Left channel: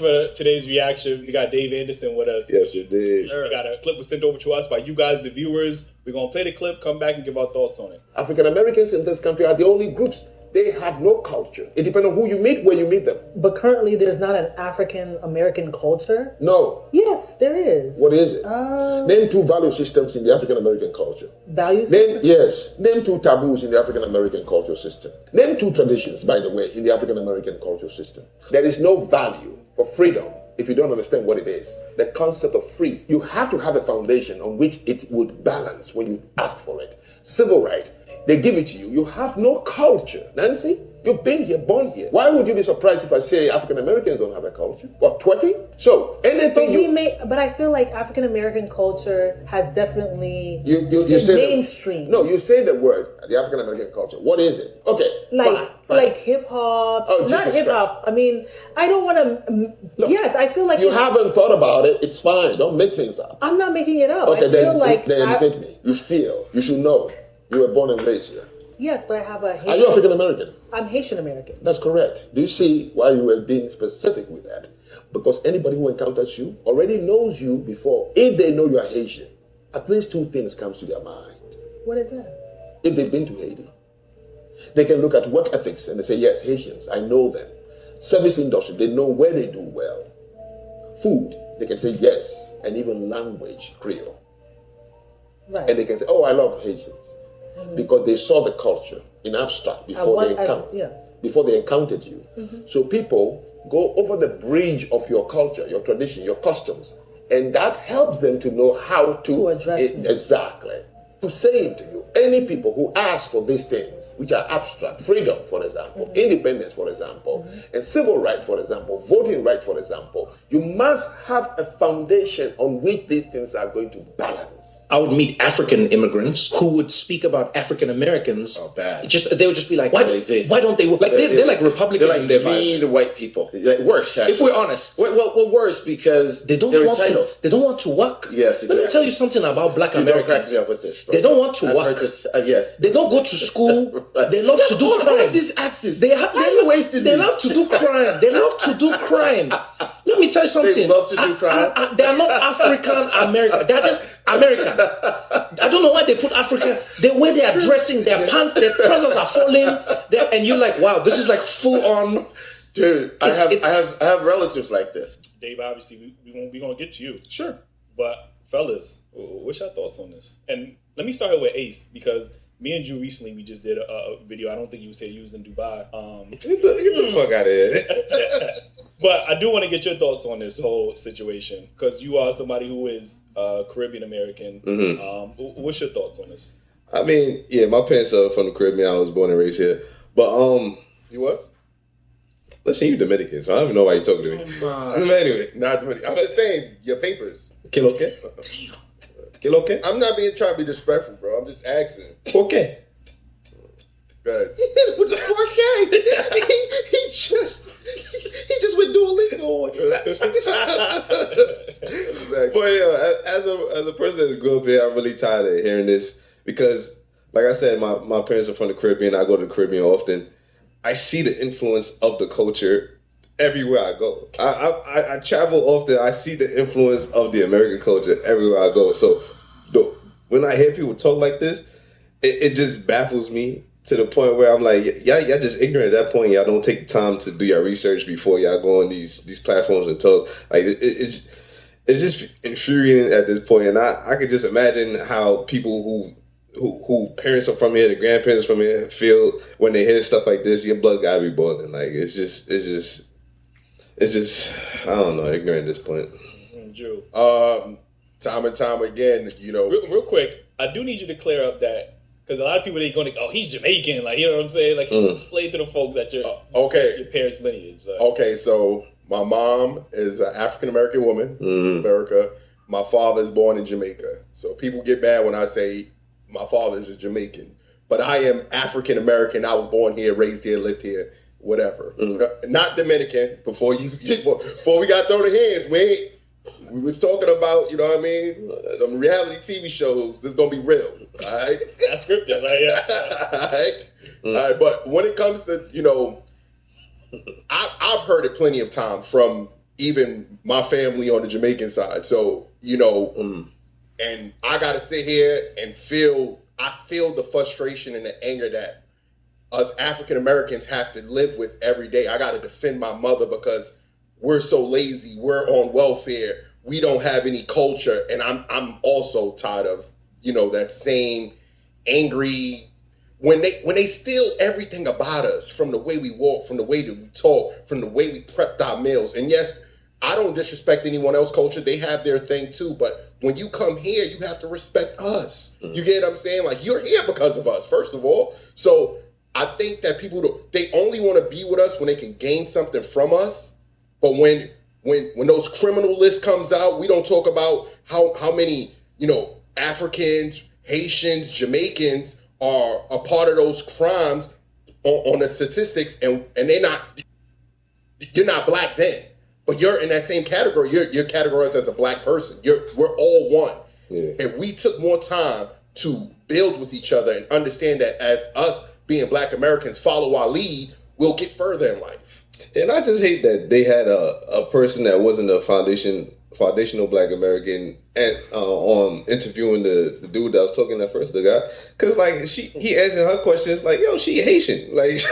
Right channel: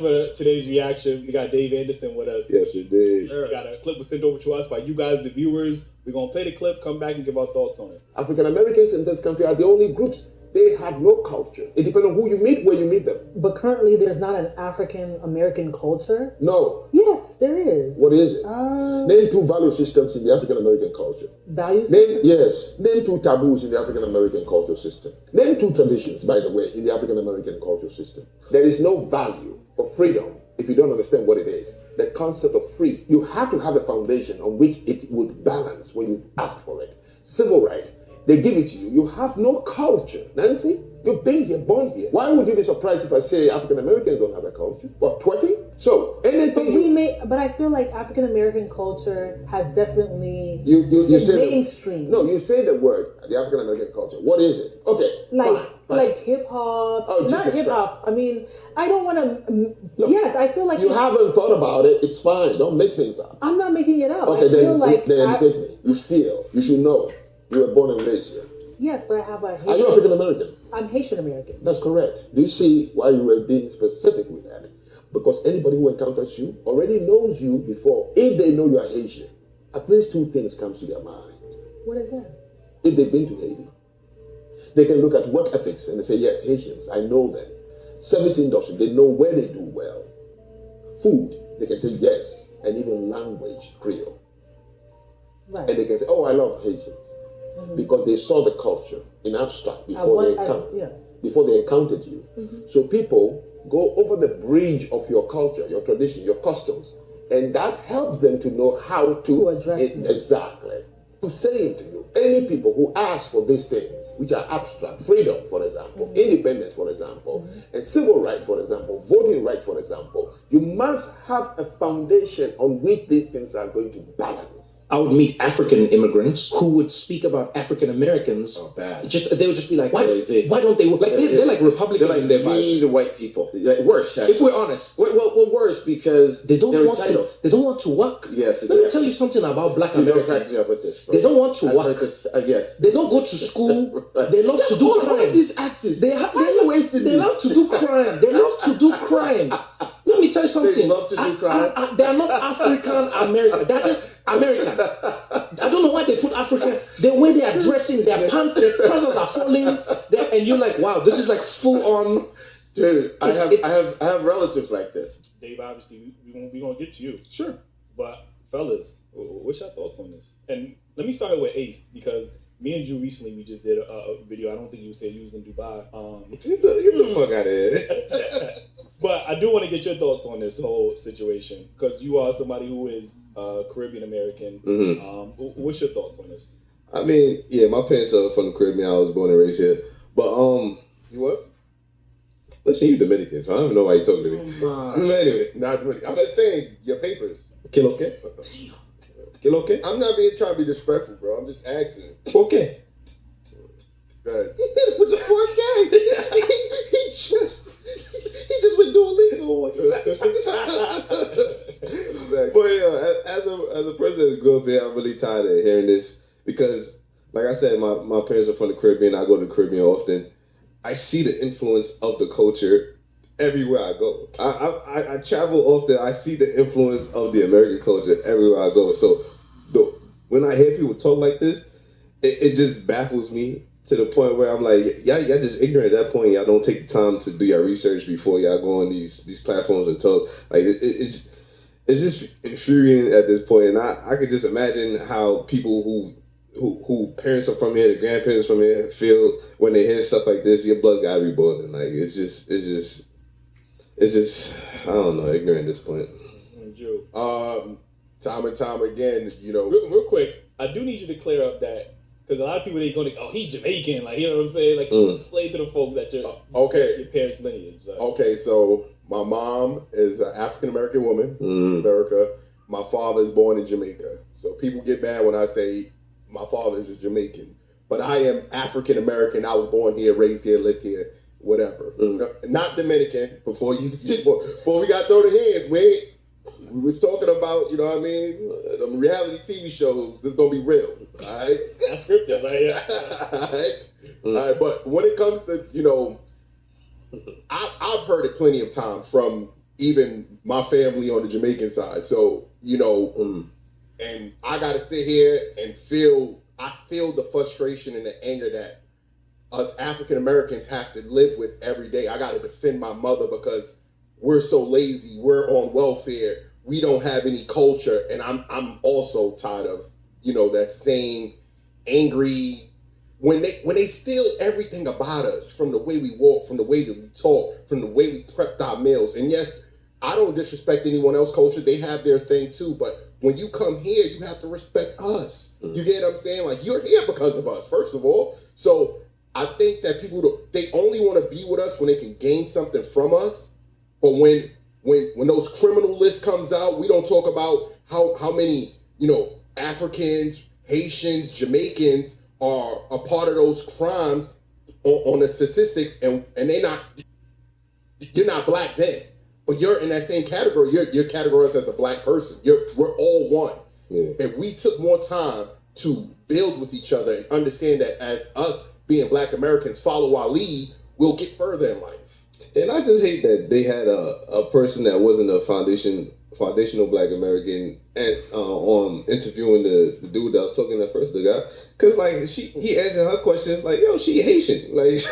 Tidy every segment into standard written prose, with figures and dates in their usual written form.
for today's reaction. We got Dave Anderson with us. Yes, you did. We got a clip was sent over to us by you guys, the viewers. We're going to play the clip, come back and give our thoughts on it. African Americans in this country are the only groups. They have no culture. It depends on who you meet, where you meet them. But currently, there's not an African American culture. No. Yes, there is. What is it? Name 2 value systems in the African American culture. Value systems? Yes. Name 2 taboos in the African American culture system. Name 2 traditions, by the way, in the African American culture system. There is no value for freedom if you don't understand what it is. The concept of free. You have to have a foundation on which it would balance when you ask for it. Civil right. They give it to you. You have no culture. Nancy, you've been here, born here. Why would you be surprised if I say African Americans don't have a culture? What, twerking? So, anything but I feel like African American culture has definitely you say mainstream. No, you say the word, the African American culture. What is it? Okay. Like hip hop. Oh, not hip hop. I mean, I don't want to. Yes, I feel like you haven't thought about it. It's fine. Don't make things up. I'm not making it up. Okay, I feel like then pick me. You feel. You should know. You were born and raised here. Yes, but I have a Haitian. Are you African American? I'm Haitian American. That's correct. Do you see why you were being specific with that? Because anybody who encounters you already knows you before. If they know you are Haitian, at least 2 things comes to their mind. What is that? If they've been to Haiti, they can look at work ethics and they say, yes, Haitians, I know them. Service industry, they know where they do well. Food, they can say yes, and even language, Creole. Right. And they can say, oh, I love Haitians. Because they saw the culture in abstract before they encountered you. So people go over the bridge of your culture, your tradition, your customs, and that helps them to know how to address it. Exactly. To say it to you, any people who ask for these things, which are abstract, freedom, for example, independence, for example, and civil right, for example, voting right, for example, you must have a foundation on which these things are going to balance. I would meet African immigrants who would speak about African Americans. Oh, bad. They would just be like, why don't they work? Like they're like Republican They're like in their mean vibes. to white people. Like, worse, actually. If we're honest. Well, worse because They don't want entitled. to. They don't want to work. Yes, Let me exactly. tell you something about Black Don't crack Americans. me up with this. Bro. They don't want to I've work. heard this, yes. They don't go to school. They love to do crime. These axes. They love to do crime. They love to do crime. Let me tell you something. They love to do crime. They are not African American. They're just American. I don't know why they put Africa. The way they are dressing, their pants, their trousers are falling, and you're like, wow, this is like full on. Dude, I have relatives like this. Dave, obviously, we're gonna get to you. Sure. But fellas, what's your thoughts on this? And let me start with Ace, because me and you recently, we just did a video. I don't think you said you was in Dubai. Get the fuck out of here. But I do want to get your thoughts on this whole situation, because you are somebody who is Caribbean American. What's your thoughts on this? I mean, yeah, my parents are from the Caribbean. I was born and raised here. But You what? listen, you Dominican, so I don't even know why you're talking to me. Anyway, Not Dominican. I'm just saying your papers. ¿Qué lo que? ¿Qué lo que? I'm not trying to be disrespectful, bro. I'm just asking. ¿Por qué? Go ahead. With the 4K, he just went Duolingo. But yeah, as a person that grew up here, I'm really tired of hearing this because, like I said, my parents are from the Caribbean. I go to the Caribbean often. I see the influence of the culture everywhere I go. I travel often. I see the influence of the American culture everywhere I go. So when I hear people talk like this, it just baffles me to the point where I'm like, y'all just ignorant at that point. Y'all don't take the time to do your research before y'all go on these platforms and talk. Like it's just infuriating at this point. And I could just imagine how people who parents are from here, the grandparents from here feel when they hear stuff like this. Your blood gotta be boiling. Like it's just I don't know, ignorant at this point. Drew. Time and time again, you know. Real quick, I do need you to clear up that, because a lot of people, they're going to, oh, he's Jamaican, like, you know what I'm saying? Like, explain to the folks that your parents' lineage. Like. Okay, so my mom is an African-American woman in America. My father is born in Jamaica. So people get mad when I say my father is a Jamaican. But I am African-American. I was born here, raised here, lived here, whatever. Not Dominican. Before we got thrown the hands, we was talking about, you know what I mean, reality TV shows. This is gonna be real, all right? That's scripted, like, yeah. All right, but when it comes to, you know, I've heard it plenty of times from even my family on the Jamaican side. So, you know, and I got to sit here and feel the frustration and the anger that us African Americans have to live with every day. I got to defend my mother because we're so lazy. We're on welfare. We don't have any culture. And I'm also tired of, you know, that same angry, when they steal everything about us, from the way we walk, from the way that we talk, from the way we prepped our meals. And yes, I don't disrespect anyone else's culture. They have their thing too. But when you come here, you have to respect us. You get what I'm saying? Like, you're here because of us, first of all. So I think that people, they only want to be with us when they can gain something from us. But when those criminal list comes out, we don't talk about how many, you know, Africans, Haitians, Jamaicans are a part of those crimes on the statistics, and you're not black then, but you're in that same category. You're categorized as a black person. We're all one. Yeah. If we took more time to build with each other and understand that as us being black Americans follow our lead, we'll get further in life. And I just hate that they had a person that wasn't a foundational black American on interviewing the dude that was talking at first, the guy, because like he answered her questions like, yo, she Haitian, like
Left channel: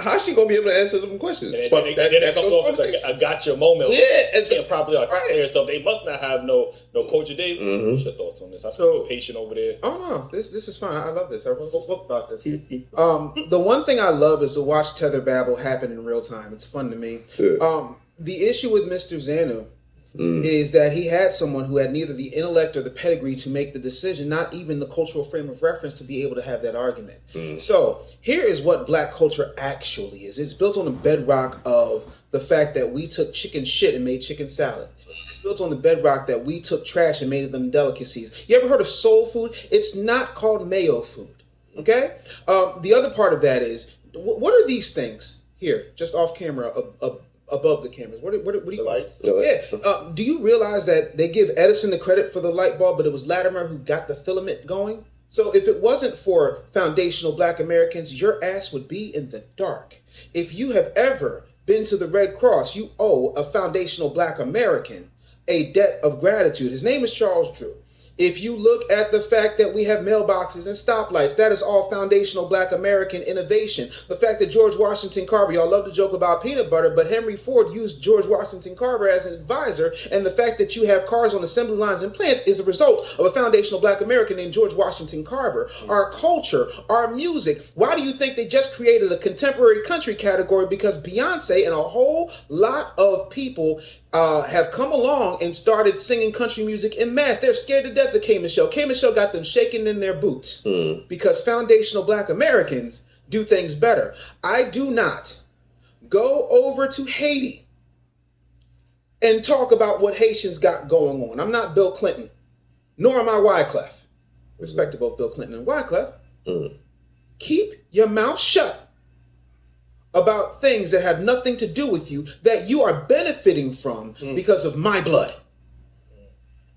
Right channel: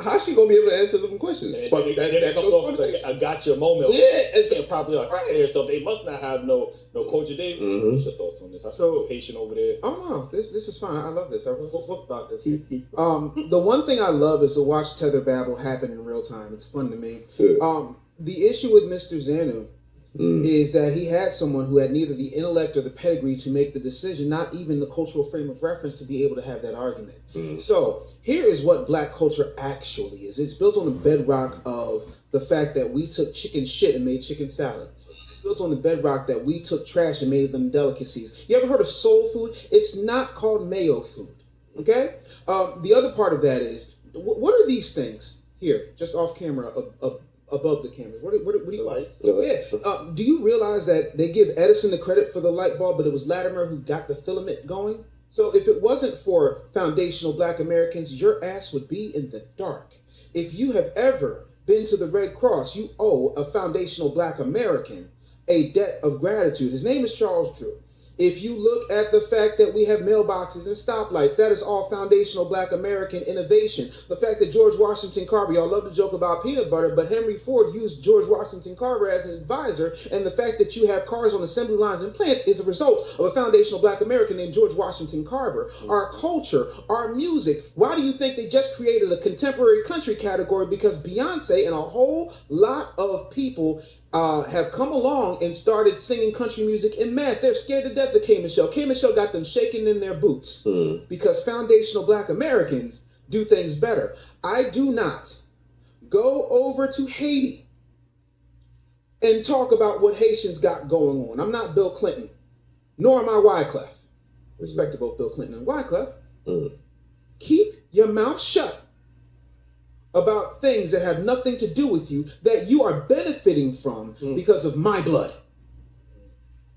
how's she gonna be able to answer them questions? And but they come off like a gotcha moment. Yeah, and can't properly articulate herself. They must not have no culture. What's your thoughts on this? I so patient over there. Oh no, this is fine. I love this. Everyone spoke about this. The one thing I love is to watch tether babble happen in real time. It's fun to me. Sure. The issue with Mr. Zanu is that he had someone who had neither the intellect or the pedigree to make the decision, not even the cultural frame of reference to be able to have that argument. So here is what black culture actually is. It's built on the bedrock of the fact that we took chicken shit and made chicken salad. It's built on the bedrock that we took trash and made them delicacies. You ever heard of soul food? It's not called mayo food, okay? The other part of that is, what are these things here, just off camera, above the cameras? What do you call it? Yeah. Do you realize that they give Edison the credit for the light bulb, but it was Latimer who got the filament going? So if it wasn't for foundational black Americans, your ass would be in the dark. If you have ever been to the Red Cross, you owe a foundational black American a debt of gratitude. His name is Charles Drew. If you look at the fact that we have mailboxes and stoplights, that is all foundational black American innovation. The fact that George Washington Carver, y'all love to joke about peanut butter, but Henry Ford used George Washington Carver as an advisor, and the fact that you have cars on assembly lines and plants is a result of a foundational black American named George Washington Carver. Our culture, our music, why do you think they just created a contemporary country category? Because Beyonce and a whole lot of people have come along and started singing country music en masse. They're scared to death of K Michelle. K Michelle got them shaking in their boots because foundational black Americans do things better. I do not go over to Haiti and talk about what Haitians got going on. I'm not Bill Clinton, nor am I Wyclef. Respect to both Bill Clinton and Wyclef. Keep your mouth shut about things that have nothing to do with you, that you are benefiting from because of my blood.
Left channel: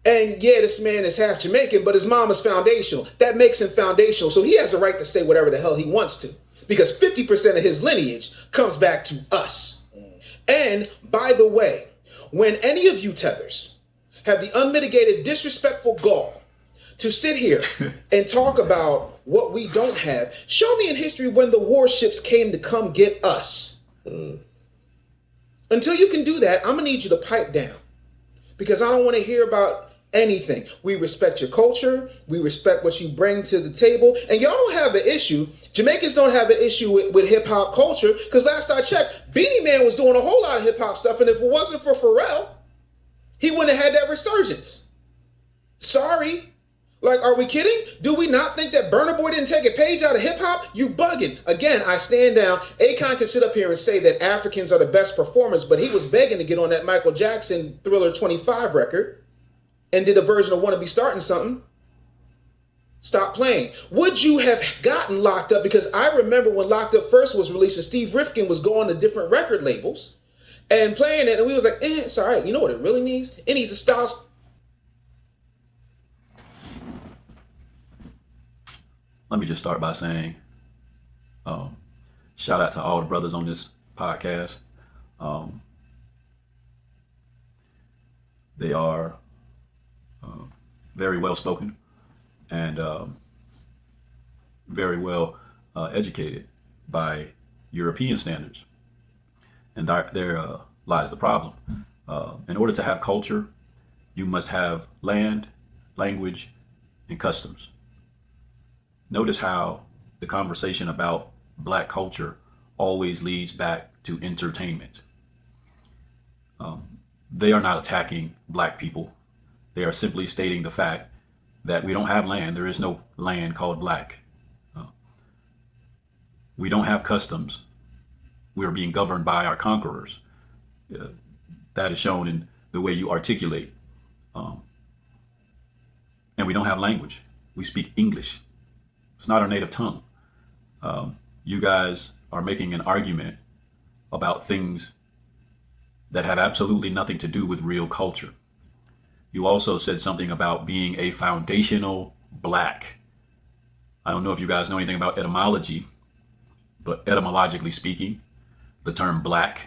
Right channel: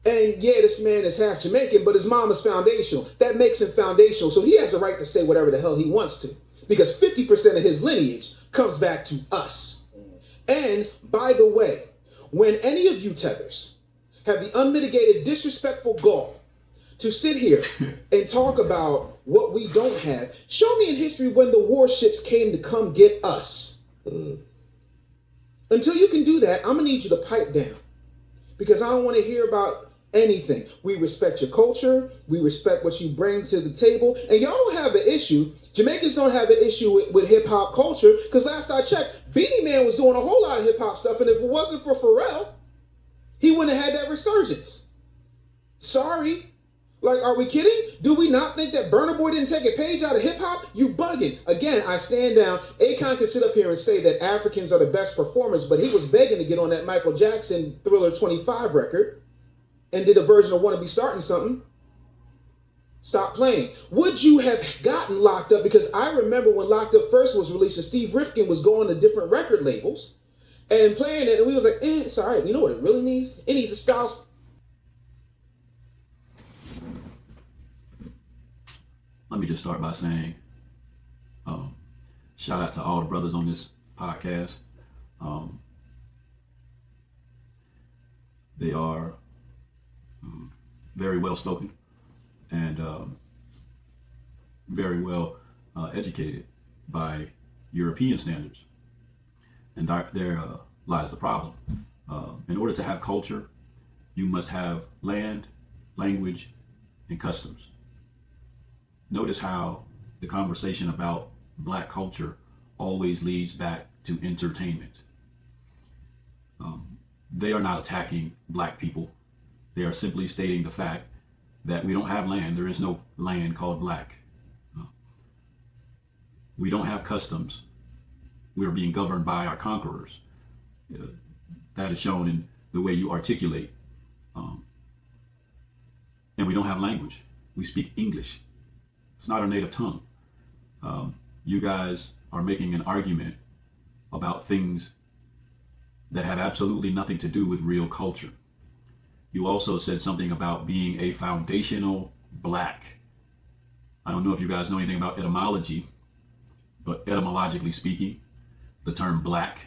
And yeah, this man is half Jamaican, but his mom is foundational. That makes him foundational. So he has a right to say whatever the hell he wants to, because 50% of his lineage comes back to us. And by the way, when any of you tethers have the unmitigated disrespectful gall to sit here and talk about what we don't have, show me in history when the warships came to come get us. Until you can do that, I'm gonna need you to pipe down, because I don't want to hear about anything. We respect your culture, we respect what you bring to the table, and y'all don't have an issue. Jamaicans don't have an issue with hip hop culture, because last I checked, Beanie Man was doing a whole lot of hip hop stuff, and if it wasn't for Pharrell, he wouldn't have had that resurgence. Sorry. Like, are we kidding? Do we not think that Burna Boy didn't take a page out of hip hop? You bugging. Again, I stand down. Akon can sit up here and say that Africans are the best performers, but he was begging to get on that Michael Jackson Thriller 25 record and did a version of Wanna Be Starting Something. Stop playing. Would you have gotten Locked Up? Because I remember when Locked Up first was released and Steve Rifkin was going to different record labels and playing it, and we was like, it's all right. You know what it really needs? It needs a style. Let me just start by saying, shout out to all the brothers on this podcast. They are very well spoken and very well educated by European standards. And there lies the problem. In order to have culture, you must have land, language, and customs. Notice how the conversation about Black culture always leads back to entertainment. They are not attacking Black people. They are simply stating the fact that we don't have land. There is no land called Black. We don't have customs. We are being governed by our conquerors. That is shown in the way you articulate. And we don't have language. We speak English. It's not our native tongue. You guys are making an argument about things that have absolutely nothing to do with real culture. You also said something about being a foundational Black. I don't know if you guys know anything about etymology, but etymologically speaking, the term Black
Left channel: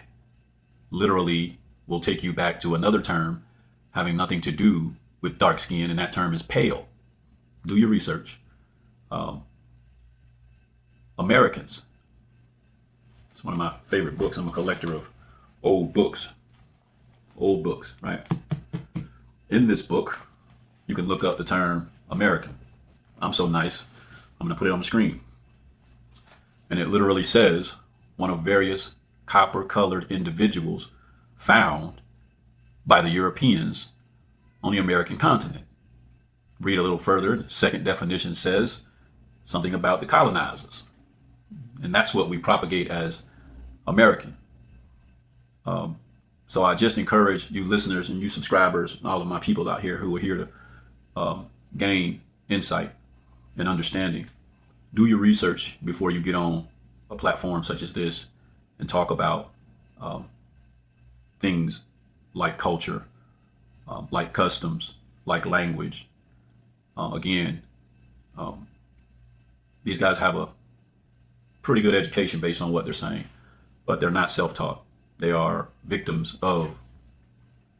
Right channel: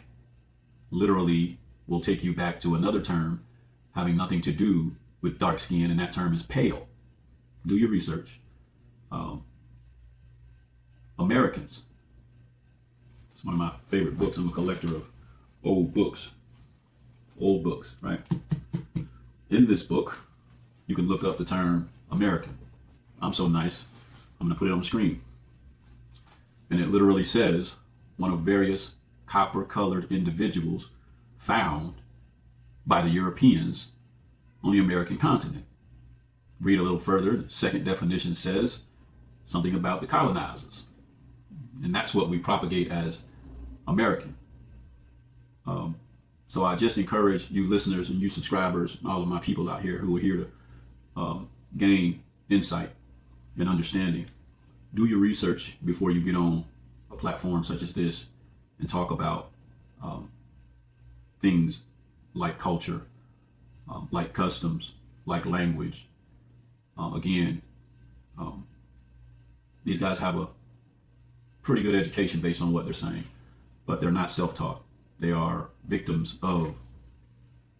literally will take you back to another term having nothing to do with dark skin, and that term is pale. Do your research. Americans. It's one of my favorite books. I'm a collector of old books, right? In this book, you can look up the term American. I'm so nice, I'm gonna put it on the screen. And it literally says one of various copper-colored individuals found by the Europeans on the American continent. Read a little further, the second definition says something about the colonizers. And that's what we propagate as American. So I just encourage you listeners and you subscribers, and all of my people out here who are here to gain insight and understanding. Do your research before you get on a platform such as this and talk about things like culture, like customs, like language. These guys have a pretty good education based on what they're saying, but they're not self-taught. They are victims of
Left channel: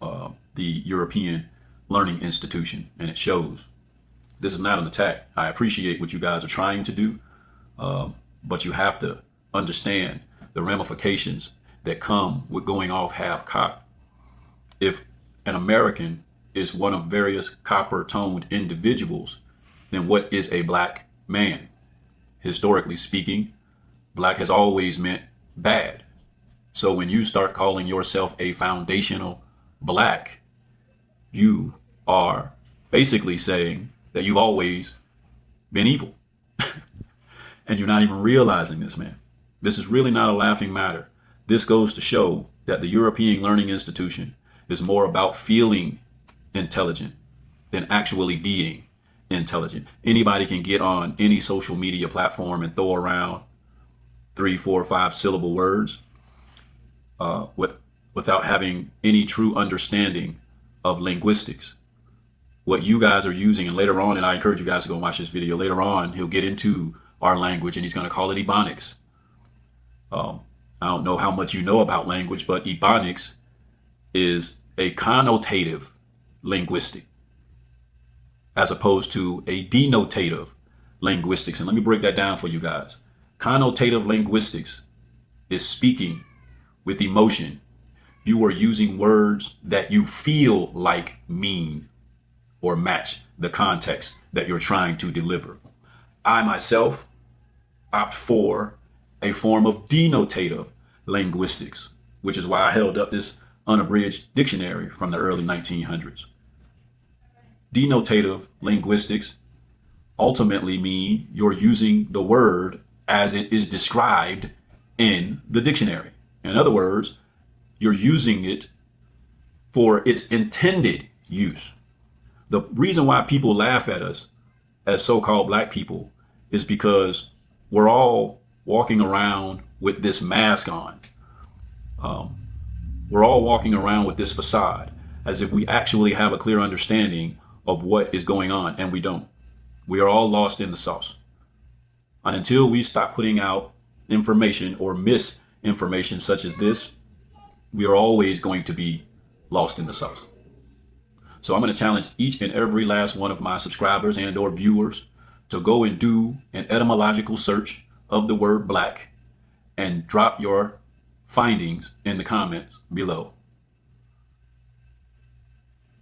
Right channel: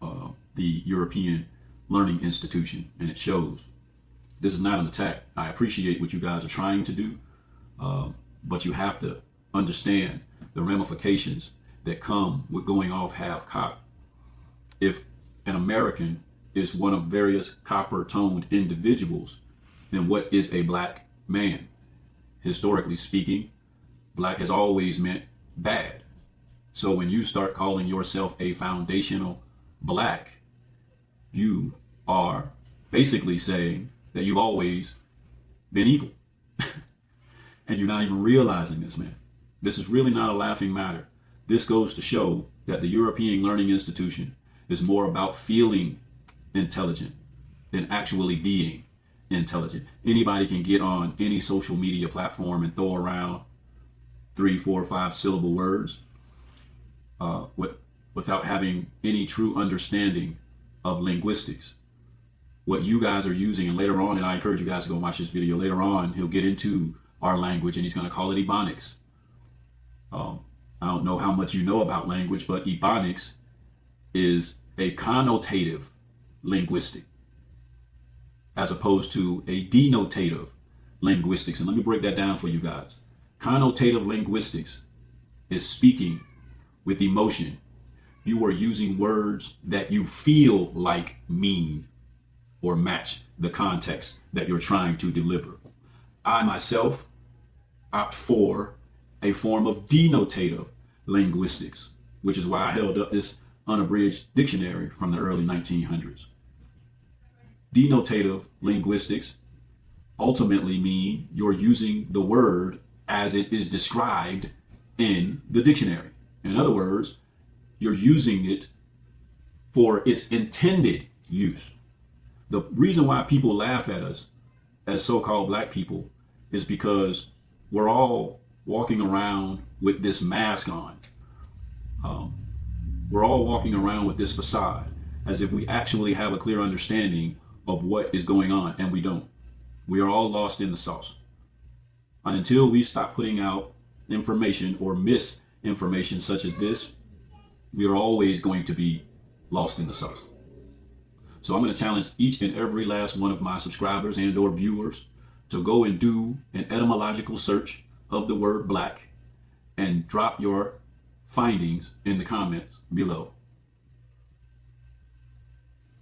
the European learning institution, and it shows. This is not an attack. I appreciate what you guys are trying to do, but you have to understand the ramifications that come with going off half-cocked. If an American is one of various copper-toned individuals, then what is a Black man? Historically speaking, Black has always meant bad. So when you start calling yourself a foundational Black, you are basically saying that you've always been evil. And you're not even realizing this, man. This is really not a laughing matter. This goes to show that the European learning institution is more about feeling intelligent than actually being intelligent. Anybody can get on any social media platform and throw around 3, 4, 5 syllable words without having any true understanding of linguistics. What you guys are using, and later on, and I encourage you guys to go watch this video, later on he'll get into our language and he's going to call it Ebonics. I don't know how much you know about language, but Ebonics is a connotative linguistic as opposed to a denotative linguistics. And let me break that down for you guys. Connotative linguistics is speaking with emotion. You are using words that you feel like mean or match the context that you're trying to deliver. I myself opt for a form of denotative linguistics, which is why I held up this unabridged dictionary from the early 1900s. Denotative linguistics ultimately mean you're using the word as it is described in the dictionary. In other words, you're using it for its intended use. The reason why people laugh at us as so-called Black people is because we're all walking around with this mask on. We're all walking around with this facade as if we actually have a clear understanding of what is going on, and we don't. We are all lost in the sauce. And until we stop putting out information or misinformation such as this, we are always going to be lost in the sauce. So I'm going to challenge each and every last one of my subscribers and or viewers to go and do an etymological search of the word black and drop your findings in the comments below.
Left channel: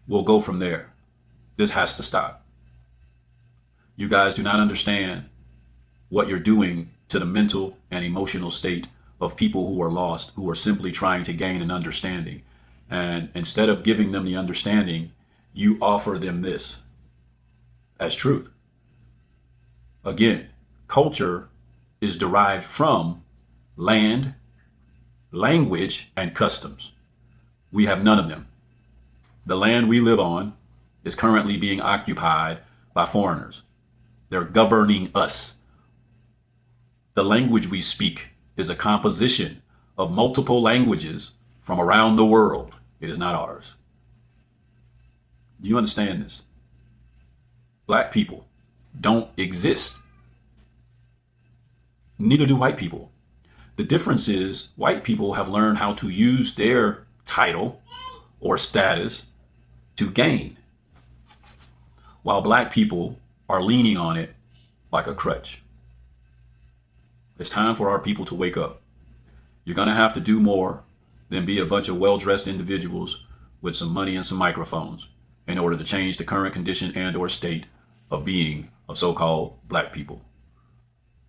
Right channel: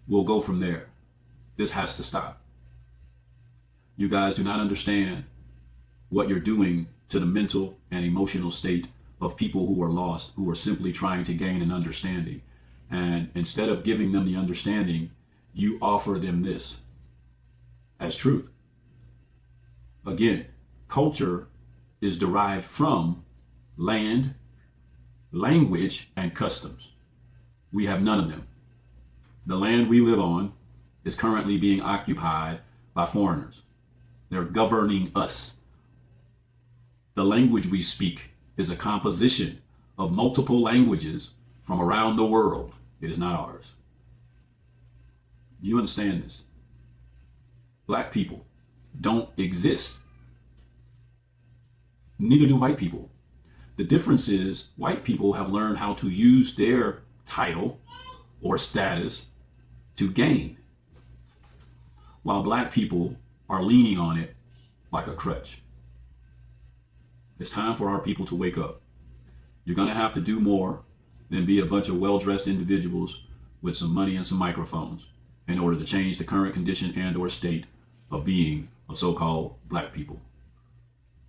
We'll go from there. This has to stop. You guys do not understand what you're doing to the mental and emotional state of people who are lost, who are simply trying to gain an understanding. And instead of giving them the understanding, you offer them this as truth. Again, culture is derived from land, language, and customs. We have none of them. The land we live on is currently being occupied by foreigners. They're governing us. The language we speak is a composition of multiple languages from around the world. It is not ours. Do you understand this? Black people don't exist. Neither do white people. The difference is white people have learned how to use their title or status to gain, while black people are leaning on it like a crutch. It's time for our people to wake up. You're going to have to do more than be a bunch of well-dressed individuals with some money and some microphones in order to change the current condition and or state of being of so-called black people.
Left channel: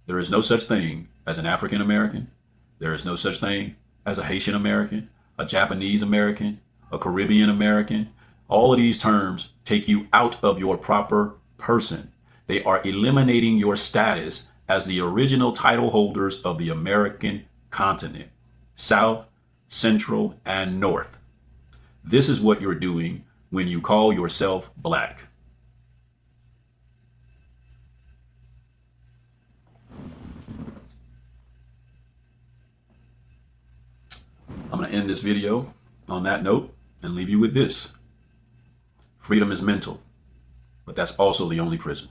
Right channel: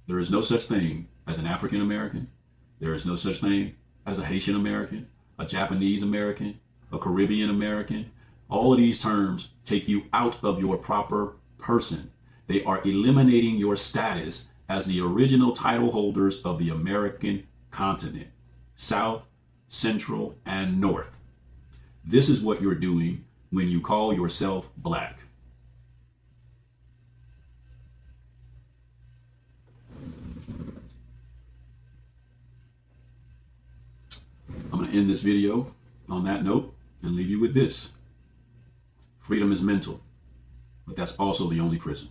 There is no such thing as an African American. There is no such thing as a Haitian American, a Japanese American, a Caribbean American. All of these terms take you out of your proper person. They are eliminating your status as the original title holders of the American continent, South, Central, and North. This is what you're doing when you call yourself black. I'm going to end this video on that note and leave you with this. Freedom is mental, but that's also the only prison.